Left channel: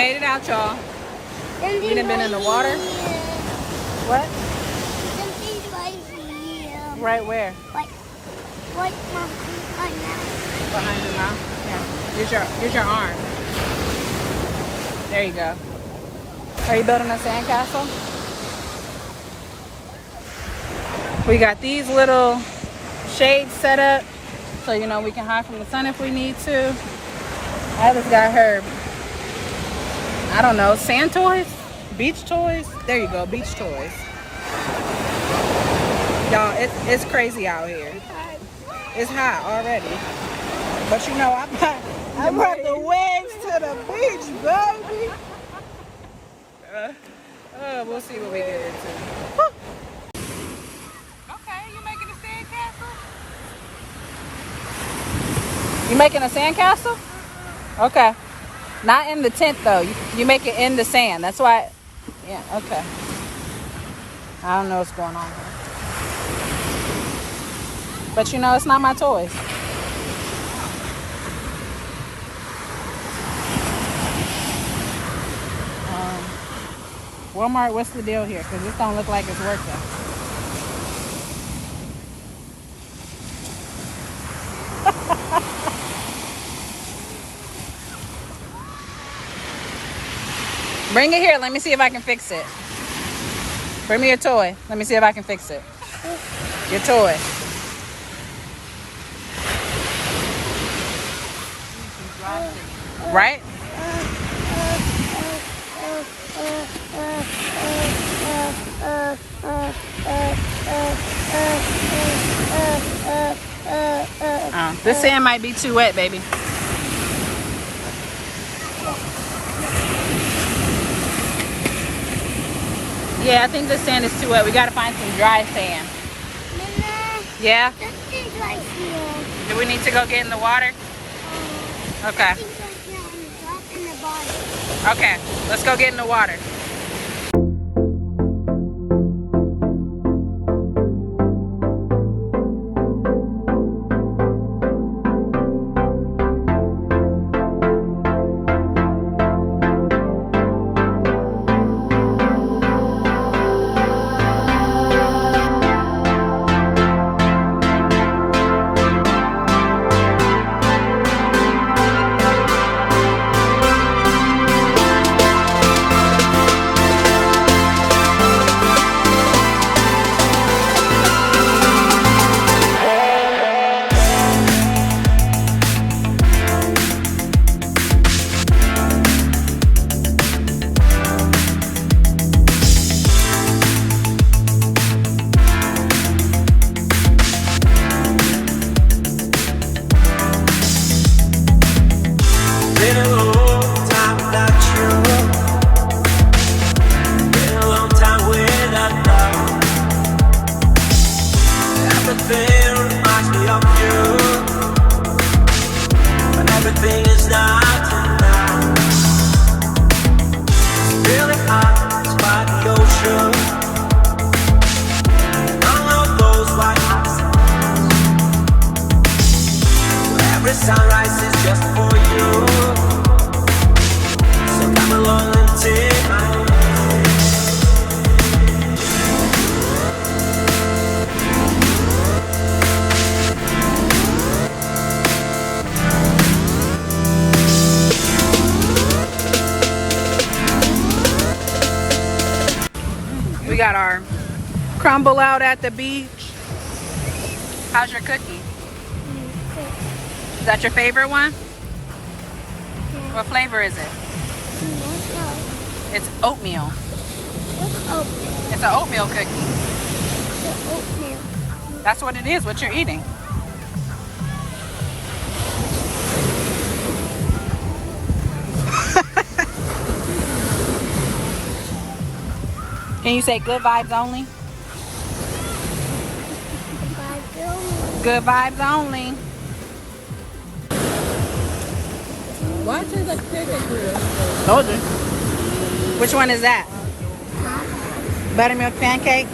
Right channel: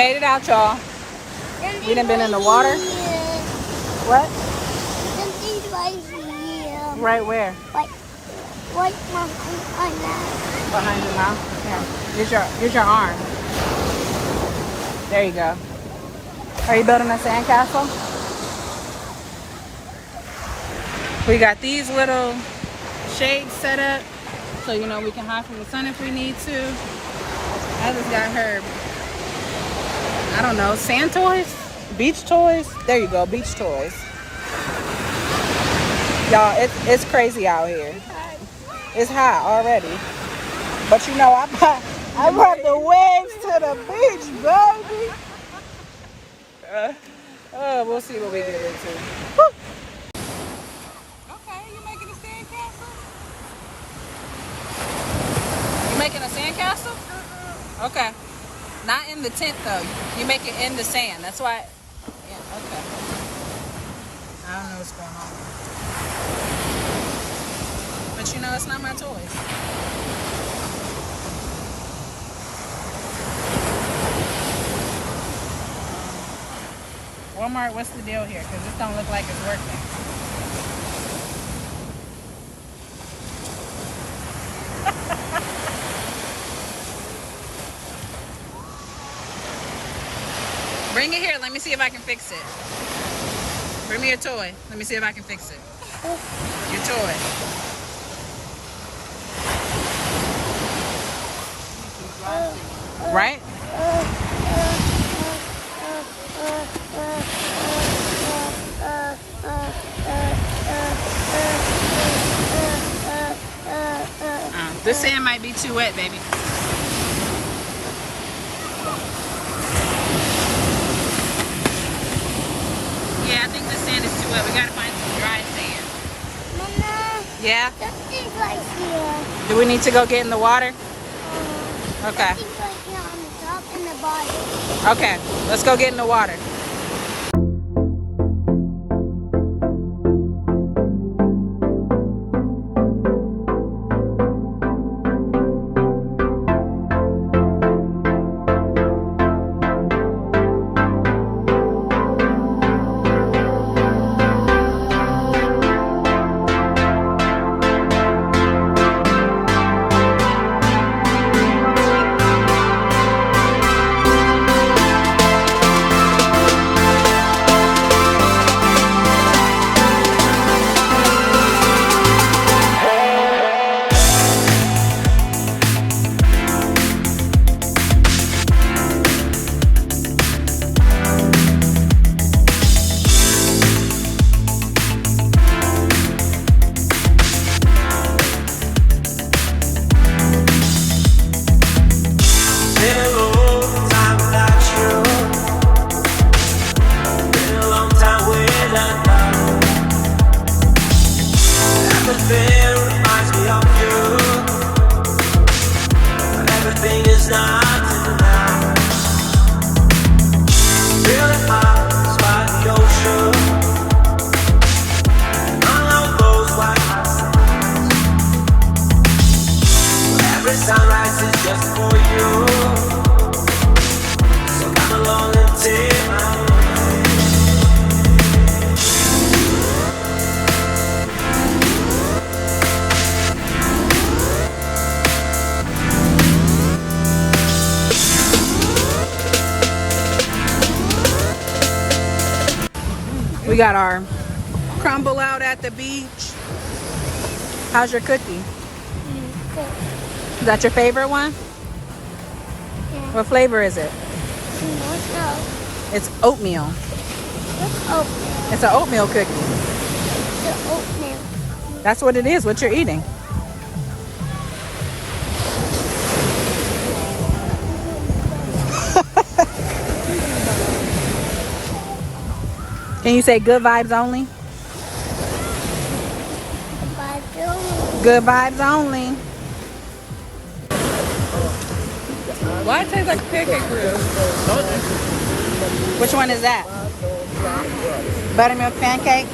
Made it out, y'all. We done been in the water. What? Something's right here. Right where? Right behind my mouth. Behind your mouth? Yeah. Use your arm. There you go. Are you building a sandcastle? We got these little shades set up so you know we can hide from the sun if we need to. Alice got her, I don't know, sand toys? Beach toys? There you go, beach toys. Y'all, it's crazy out here. It's hot already. But you know, I brought the waves to the beach, baby. We'll see what we get into. Woo. Okay, you making a sandcastle? You making a sandcastle? Okay. Not in the tent though. You make it in the sand. That's why. Yeah. Okay. I don't know what's going on there. But you know, it's not my toys. Walmart, what's the deal here? Because this don't look like it's working. Bring it here. Let me see if I can fix it. Bring me your toy. Let me see if I can fix it. Your toy. Right? This sand might be too wet, baby. Yeah, I think the sand is too wet. We gotta find some dry sand. Mama, Yeah? something's right here. Do we need to go get in the water? Okay. Something's right here on the top and the bottom. Okay, let's go get in the water. Everything is not enough. Feeling out by the ocean, among all those white hot sands, where every sunrise is just for you. So come along and take my hand. We got our crumble out at the beach. How's your cookie? Good. Is that your favorite one? Yeah. What flavor is it? No. It's oatmeal. What's oatmeal? It's an oatmeal cookie. The oatmeal. That's what it is, what you're eating. Can you say good vibes only? Good vibes only. Why it tastes like pancake grill? Told you. Which one is that? Buttermilk pancake?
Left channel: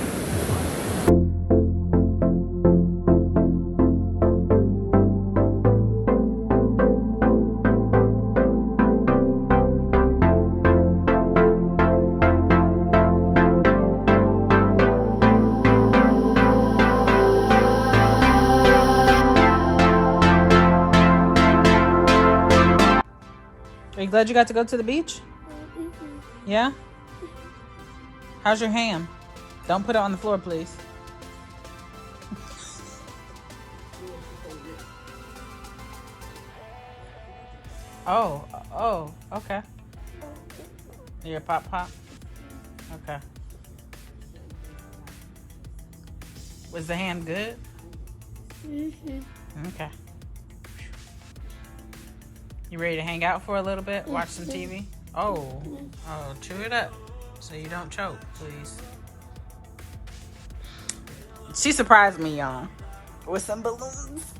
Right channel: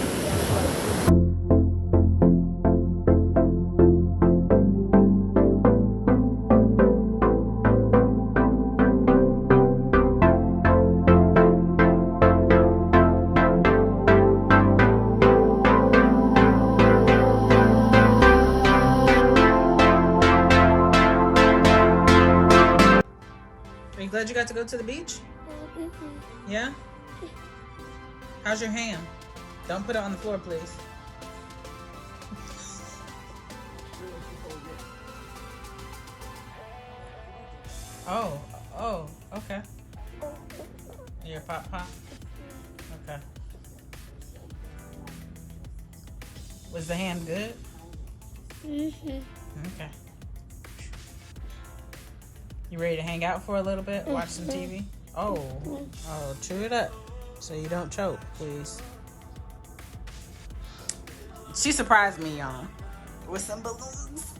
Are you glad you got to go to the beach? Mm-hmm. Yeah? How's your ham? Don't put it on the floor, please. Oh, okay. Your pop? Okay. Was the ham good? Mm-hmm. Okay. You ready to hang out for a little bit? Watch some TV? Oh, chew it up so you don't choke, please. She surprised me, y'all, with some balloons.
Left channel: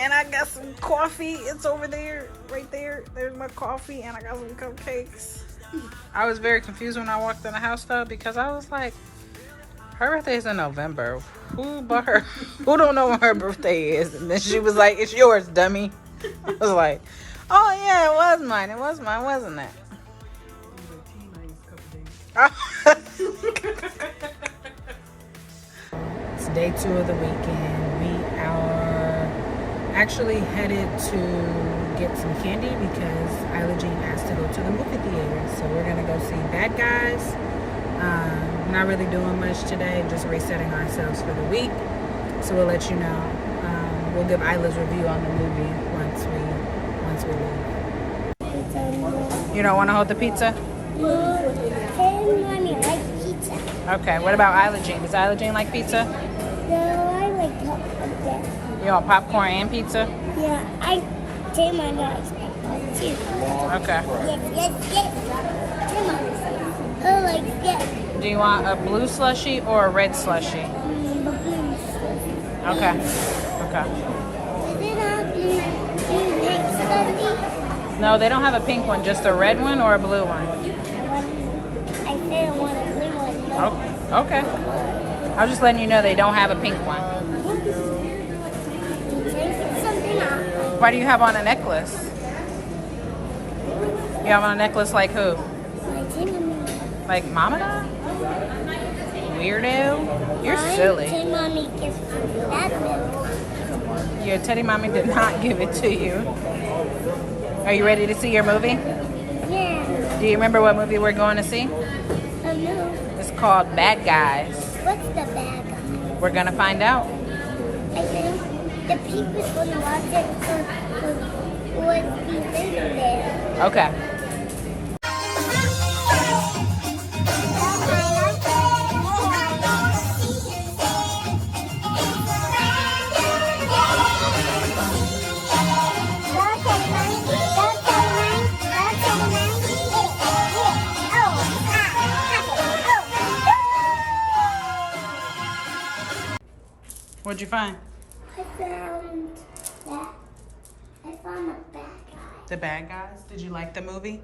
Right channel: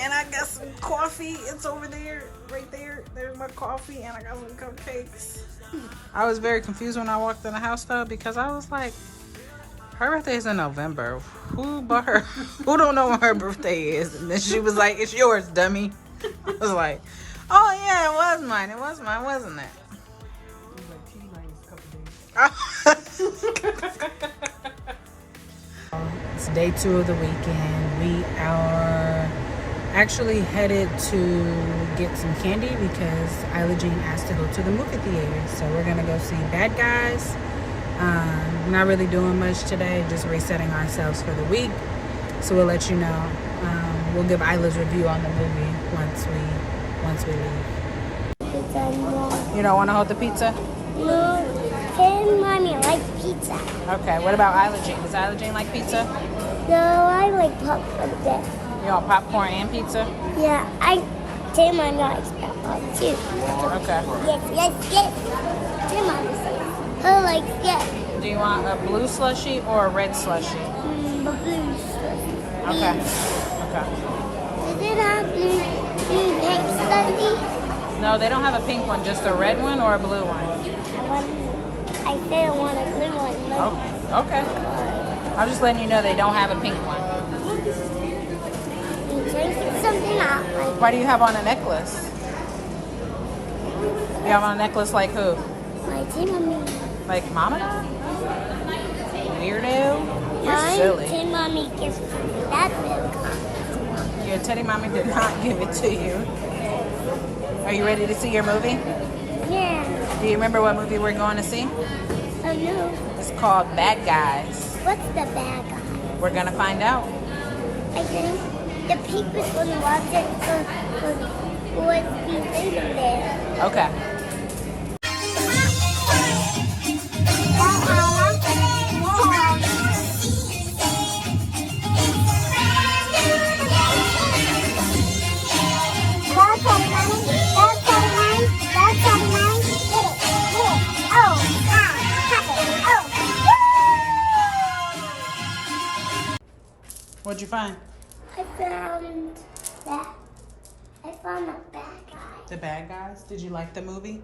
And I got some coffee. It's over there, right there. There's my coffee, and I got some cupcakes. I was very confused when I walked in the house, though, because I was like, her birthday is in November. Who bought her? Who don't know when her birthday is? And then she was like, it's yours, dummy. I was like, oh, yeah, it was mine. It was mine, wasn't it? It's day 2 of the weekend. We are actually headed to get some candy because Isla Jean asked to go to the movie theater. So we're gonna go see Bad Guys. Not really doing much today, just resetting ourselves for the week. So we'll let you know. We'll give Isla's review on the movie once we leave. You don't want to hold the pizza? No, hey, Mommy, I like pizza. Okay, what about Isla Jean? Does Isla Jean like pizza? No, I like popcorn there. You want popcorn and pizza? Yeah, Tim and I likes popcorn too. Okay. Yes. Tim likes yes. Do you want a blue slushie or a red slushie? The blue stuff. Okay. Does it have blue pink stuffy? No, they don't have a pink one, just a red one or a blue one. I said I want a blue one. Oh, okay. I'm just letting you know they don't have a pink one. Something out. Why do you have on a necklace? You have on a necklace like who? My Tim. Like Mama? Weirdo. You're silly. Tim Mommy gives that milk. Your teddy mommy did not give it to you. Are you ready to see your movie? Yeah. Do you remember what movie we're going to see? Oh no. It's called Bad Guys. What's the bad guy? We're going to find out. I think the people's gonna watch it for what's the thing there. Okay. What'd you find? I found that. I found the bad guy. The Bad Guys? Did you like the movie?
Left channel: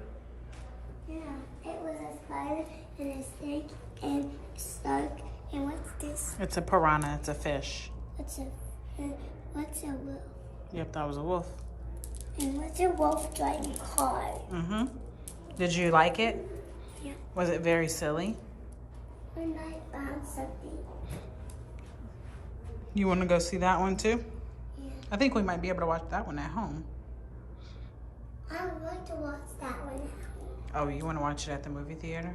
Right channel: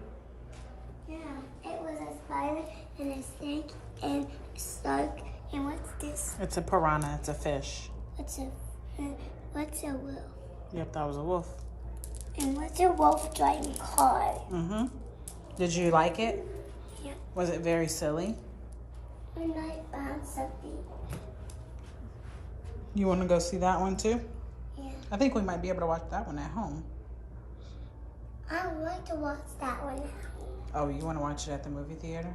Yeah, it was a spider and a snake and a shark. And what's this? It's a piranha. It's a fish. What's a wolf? Yep, that was a wolf. And what's a wolf driving car? Mm-hmm. Did you like it? Yeah. Was it very silly? And I found something. You want to go see that one too? Yeah. I think we might be able to watch that one at home. I would like to watch that one at home. Oh, you want to watch it at the movie theater?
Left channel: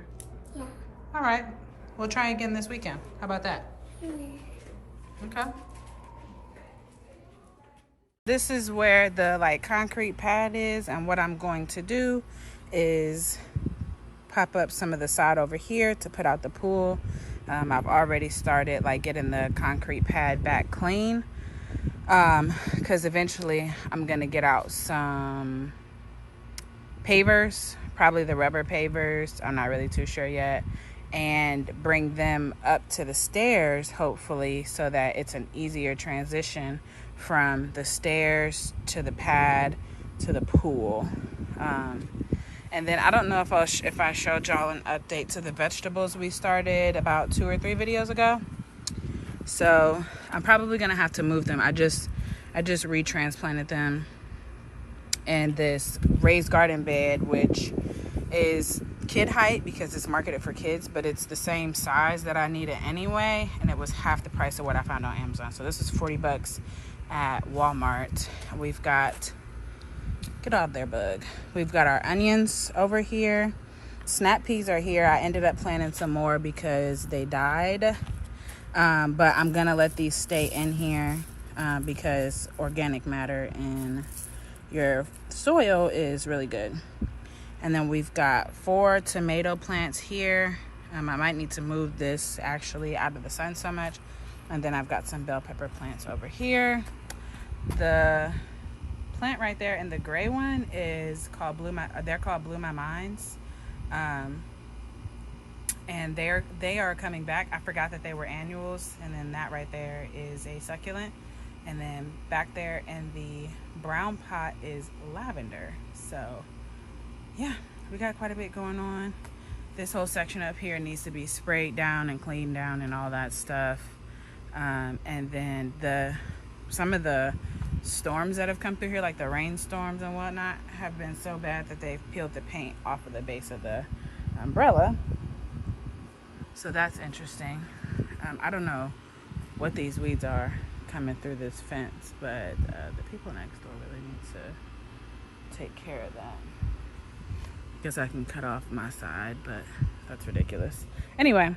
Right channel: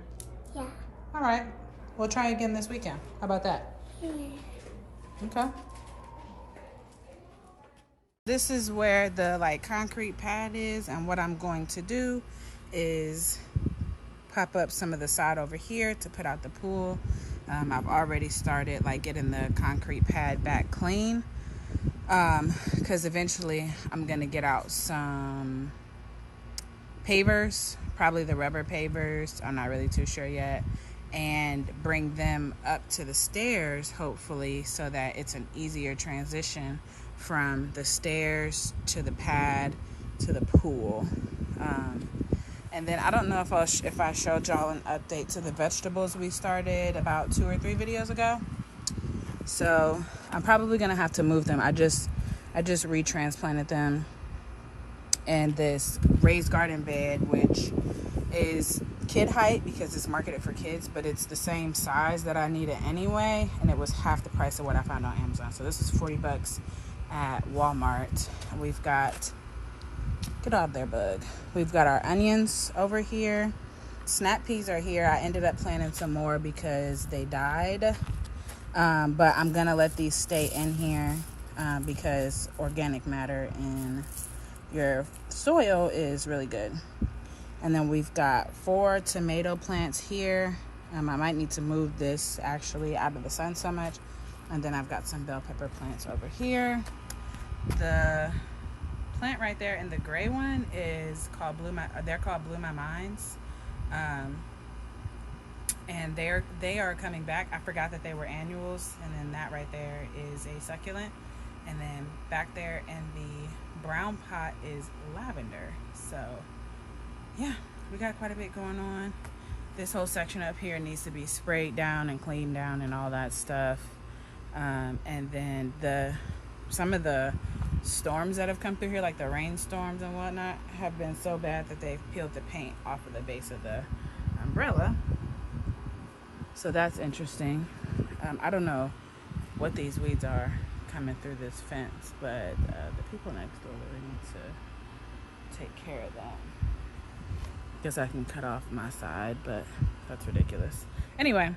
Yeah. All right. We'll try again this weekend. How about that? Yeah. Okay. This is where the concrete pad is, and what I'm going to do is pop up some of the sod over here to put out the pool. I've already started getting the concrete pad back clean because eventually I'm gonna get out some pavers, probably the rubber pavers, I'm not really too sure yet, and bring them up to the stairs hopefully so that it's an easier transition from the stairs to the pad to the pool. And then I don't know if I showed y'all an update to the vegetables we started about 2 or 3 videos ago. So I'm probably gonna have to move them. I just retransplanted them in this raised garden bed, which is kid height because it's marketed for kids, but it's the same size that I needed anyway, and it was half the price of what I found on Amazon. So this is $40 at Walmart. We've got Get out there, bug. We've got our onions over here. Snap peas are here. I ended up planting some more because they died. But I'm gonna let these stay in here because organic matter in your soil is really good. And then we've got 4 tomato plants here. I might need to move this actually out of the sun so much. And then I've got some bell pepper plants over here. The plant right there and the gray one is called they're called Blue My Minds. And they are coming back. I forgot that they were annuals. And then that right there is a succulent. And then back there in the brown pot is lavender. So yeah, we got quite a bit going on. This whole section up here needs to be sprayed down and cleaned down and all that stuff. And then some of the storms that have come through here, like the rainstorms and whatnot, have been so bad that they've peeled the paint off of the base of the umbrella. So that's interesting. I don't know what these weeds are coming through this fence, but the people next door really need to take care of that. Guess I can cut off my side, but that's ridiculous. Anyway,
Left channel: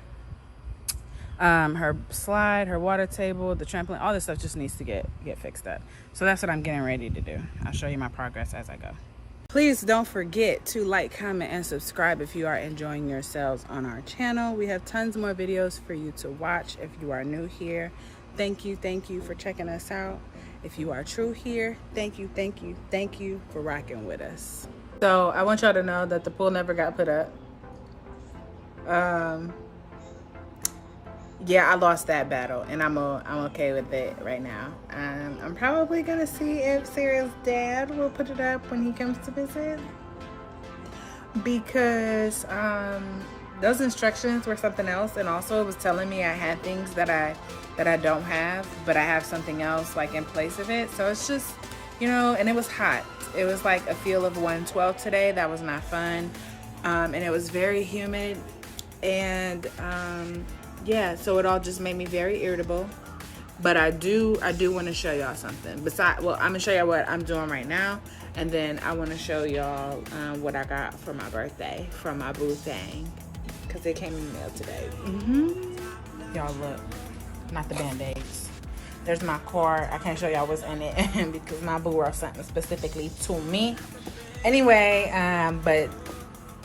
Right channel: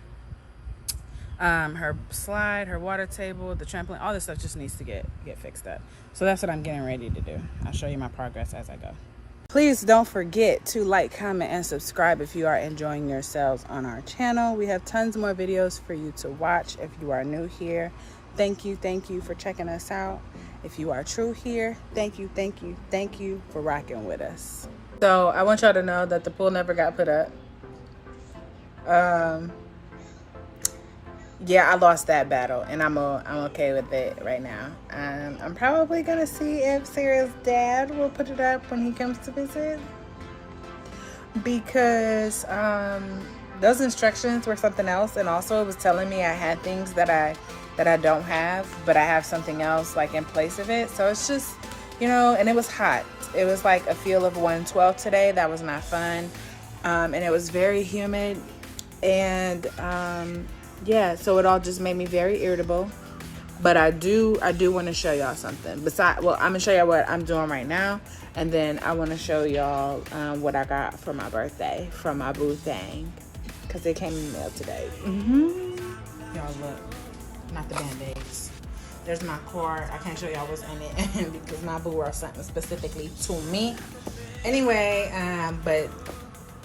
her slide, her water table, the trampoline, all this stuff just needs to get fixed up. So that's what I'm getting ready to do. I'll show you my progress as I go. Please don't forget to like, comment, and subscribe if you are enjoying yourselves on our channel. We have tons more videos for you to watch if you are new here. Thank you for checking us out. If you are true here, thank you for rocking with us. So I want y'all to know that the pool never got put up. Yeah, I lost that battle, and I'm okay with it right now. I'm probably gonna see if Sarah's dad will put it up when he comes to visit, because those instructions were something else, and also it was telling me I had things that I don't have, but I have something else like in place of it. So it's just, you know, and it was hot. It was like a feel of 112 today. That was not fun. And it was very humid. And yeah, so it all just made me very irritable. But I do want to show y'all something. Besides, well, I'm going to show y'all what I'm doing right now. And then I want to show y'all what I got for my birthday from my boo thing. Because it came in the mail today. Y'all look. Not the Band-Aids. There's my card. I can't show y'all what's in it because my boo wrote something specifically to me. Anyway, but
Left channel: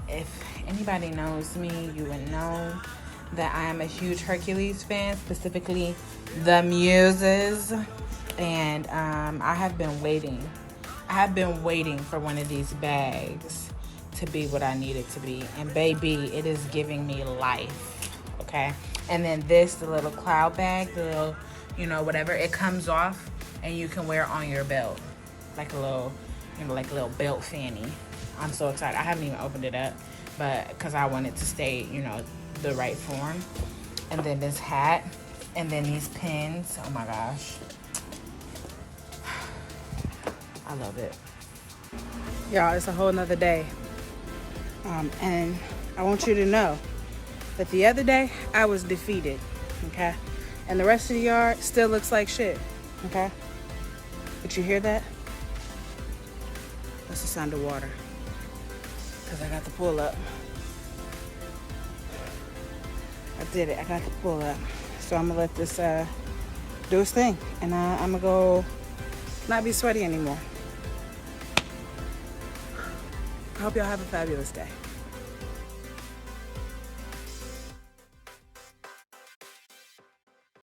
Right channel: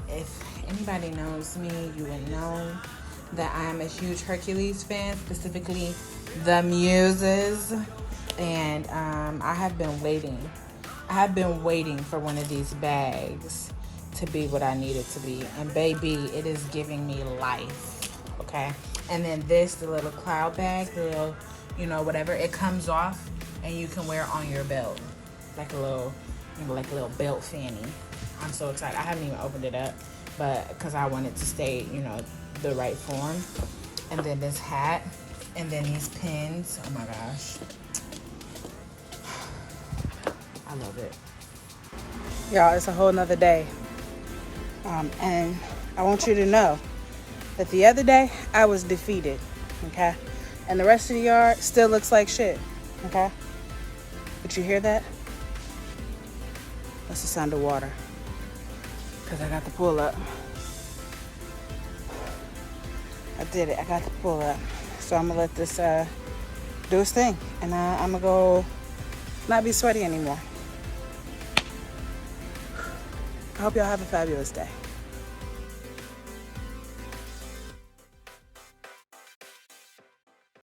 if anybody knows me, you would know that I am a huge Hercules fan, specifically the Muses. And I have been waiting. I have been waiting for one of these bags to be what I need it to be. And baby, it is giving me life, okay? And then this, the little cloud bag, the little, you know, whatever, it comes off and you can wear on your belt. Like a little, you know, like a little belt fanny. I'm so excited. I haven't even opened it up, but because I want it to stay, you know, the right form. And then this hat, and then these pins. Oh my gosh. I love it. Y'all, it's a whole nother day. And I want you to know that the other day I was defeated, okay? And the rest of the yard still looks like shit, okay? Did you hear that? That's the sound of water. Because I got the pool up. I did it. I got the pool up. So I'm going to let this do its thing. And I'm going to go not be sweaty anymore. I hope y'all have a fabulous day.